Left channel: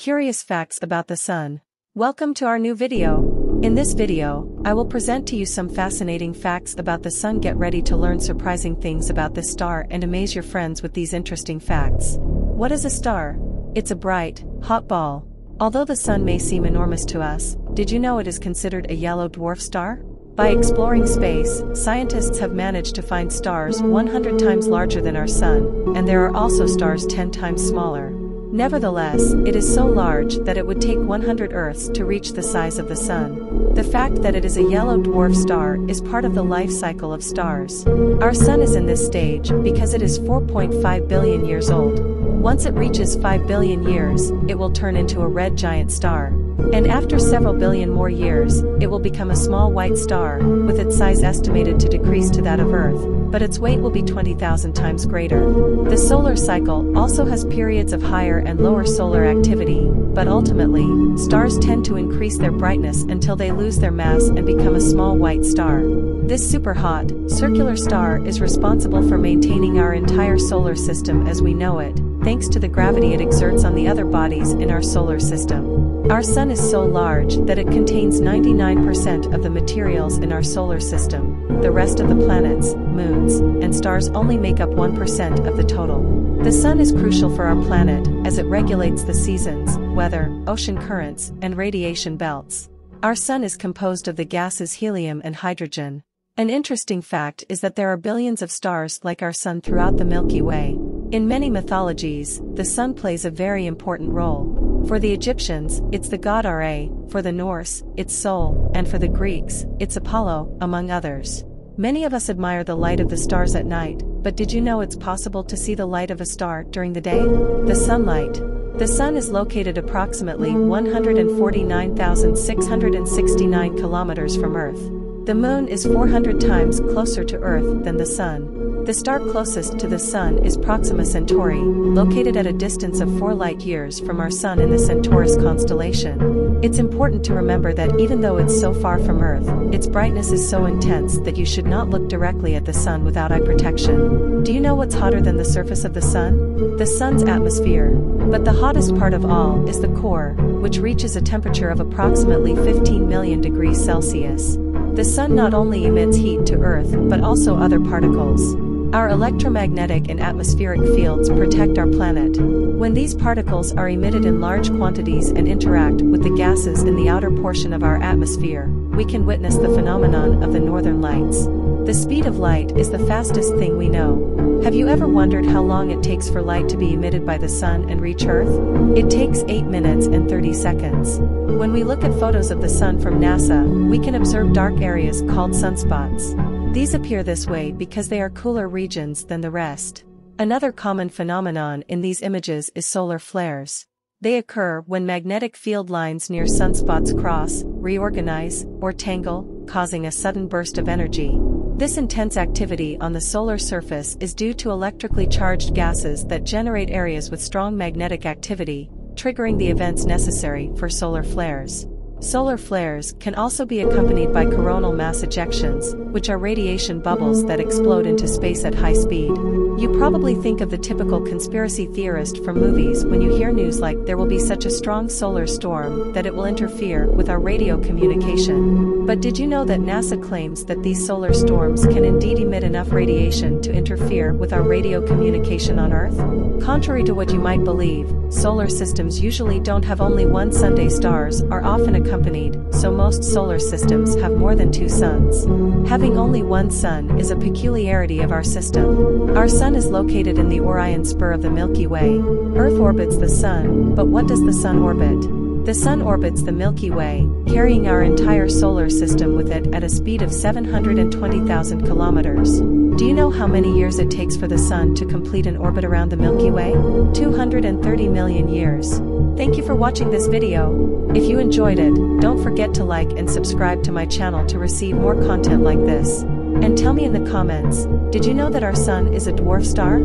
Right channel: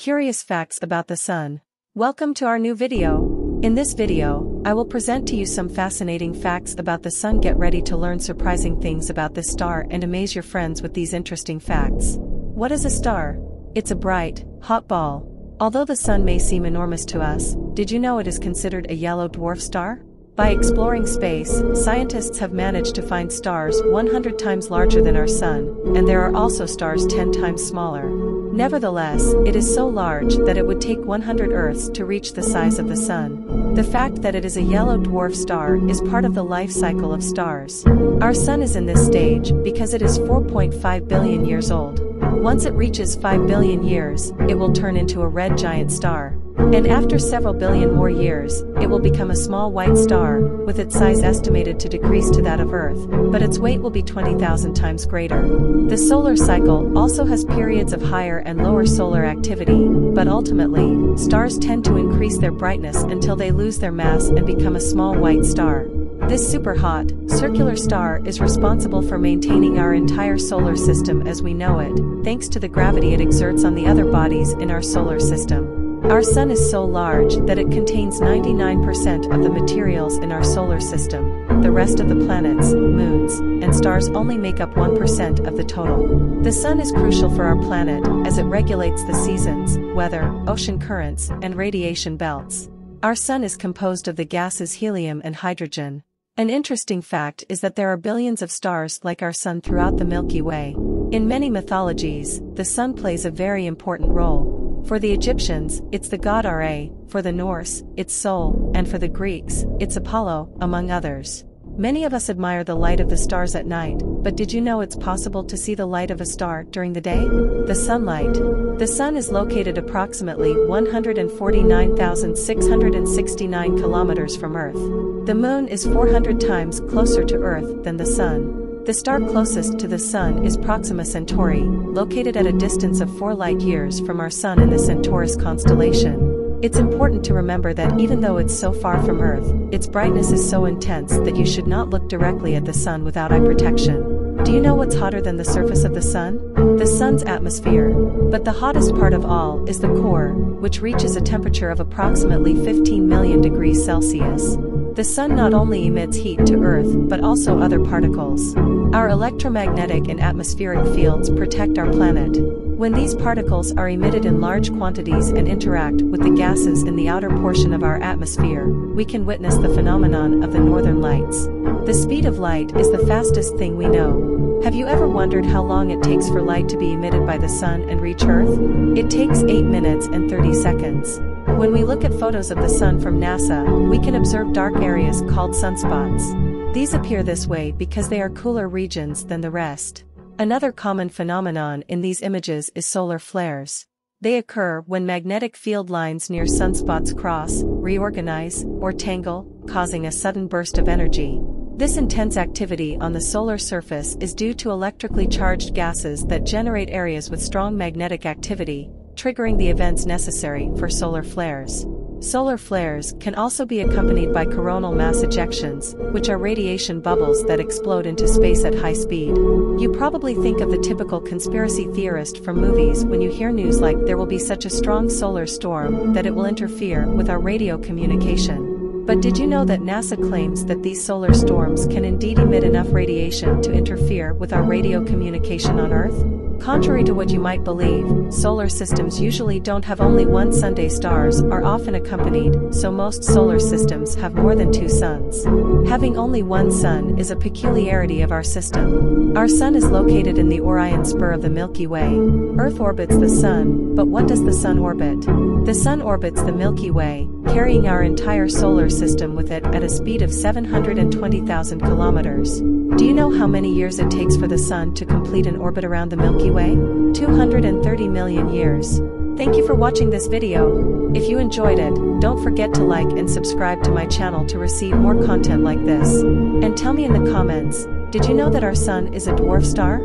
Curious facts about the Sun. Welcome to our new video. In this video, I will present to you some fascinating facts about the Sun. Get ready to learn surprising things about this star and amaze your friends with these interesting facts. What is a star? It's a bright, hot ball. Although the Sun may seem enormous to us, did you know it is considered a yellow dwarf star? By exploring space, scientists have managed to find stars 100 times larger than our Sun, and there are also stars 10 times smaller. Nevertheless, it is so large that it would take 100 Earths to reach the size of the Sun. The fact that it is a yellow dwarf star is part of the life cycle of stars. Our Sun is in this stage because it is 4.5 billion years old. Once it reaches 5 billion years, it will turn into a red giant star. And after several billion more years, it will become a small white star, with its size estimated to decrease to that of Earth, but its weight will be 20,000 times greater. The solar cycle also has periods of higher and lower solar activity, but ultimately, stars tend to increase their brightness until they lose their mass and become a small white star. This super hot, circular star is responsible for maintaining our entire solar system as we know it, thanks to the gravity it exerts on the other bodies in our solar system. Our Sun is so large that it contains 99% of the materials in our solar system. The rest of the planets, moons, and stars only make up 1% of the total. The Sun is crucial for our planet as it regulates the seasons, weather, ocean currents, and radiation belts. Our Sun is composed of the gases helium and hydrogen. An interesting fact is that there are billions of stars like our Sun throughout the Milky Way. In many mythologies, the Sun plays a very important role. For the Egyptians, it's the god Ra, for the Norse, it's Sol, and for the Greeks, it's Apollo, among others. Many of us admire the light of the stars at night, but did you know it's possible to see the light of a star during the day? The sunlight. The Sun is located approximately 149,669 kilometers from Earth. The Moon is 400 times closer to Earth than the Sun. The star closest to the Sun is Proxima Centauri, located at a distance of 4 light-years from our Sun in the Centaurus constellation. It's important to remember that even though it's so far from Earth, its brightness is so intense that you should not look directly at the Sun without eye protection. Do you know what's hotter than the surface of the Sun? The Sun's atmosphere. But the hottest part of all is the core, which reaches a temperature of approximately 15 million degrees Celsius. The Sun not only emits heat to Earth but also other particles. Our electromagnetic and atmospheric fields protect our planet. When these particles are emitted in large quantities and interact with the gases in the outer portion of our atmosphere, we can witness the phenomenon of the northern lights. The speed of light is the fastest thing we know. Have you ever wondered how long it takes for light to be emitted by the Sun and reach Earth? It takes 8 minutes and 30 seconds. When we look at photos of the Sun from NASA, we can observe dark areas called sunspots. These appear this way because they are cooler regions than the rest. Another common phenomenon in these images is solar flares. They occur when magnetic field lines near sunspots cross, reorganize, or tangle, causing a sudden burst of energy. This intense activity on the solar surface is due to electrically charged gases that generate areas with strong magnetic activity, triggering the events necessary for solar flares. Solar flares can also be accompanied by coronal mass ejections, which are radiation bubbles that explode into space at high speed. You probably think of the typical conspiracy theorist from movies when you hear news like there will be such a strong solar storm that it will interfere with our radio communication. But did you know that NASA claims that these solar storms can indeed emit enough radiation to interfere with our radio communication on Earth? Contrary to what you might believe, solar systems usually don't have only one sun. Stars are often accompanied, so most solar systems have more than 2 suns. Having only one sun is a peculiarity of our system. Our Sun is located in the Orion spur of the Milky Way. Earth orbits the Sun, but what does the Sun orbit? The Sun orbits the Milky Way, carrying our entire solar system with it at a speed of 720,000 kilometers. Do you know how many years it takes for the Sun to complete an orbit around the Milky Way? 230 million years. Thank you for watching this video. If you enjoyed it, don't forget to like and subscribe to my channel to receive more content like this. And tell me in the comments, did you know that our Sun is a dwarf star?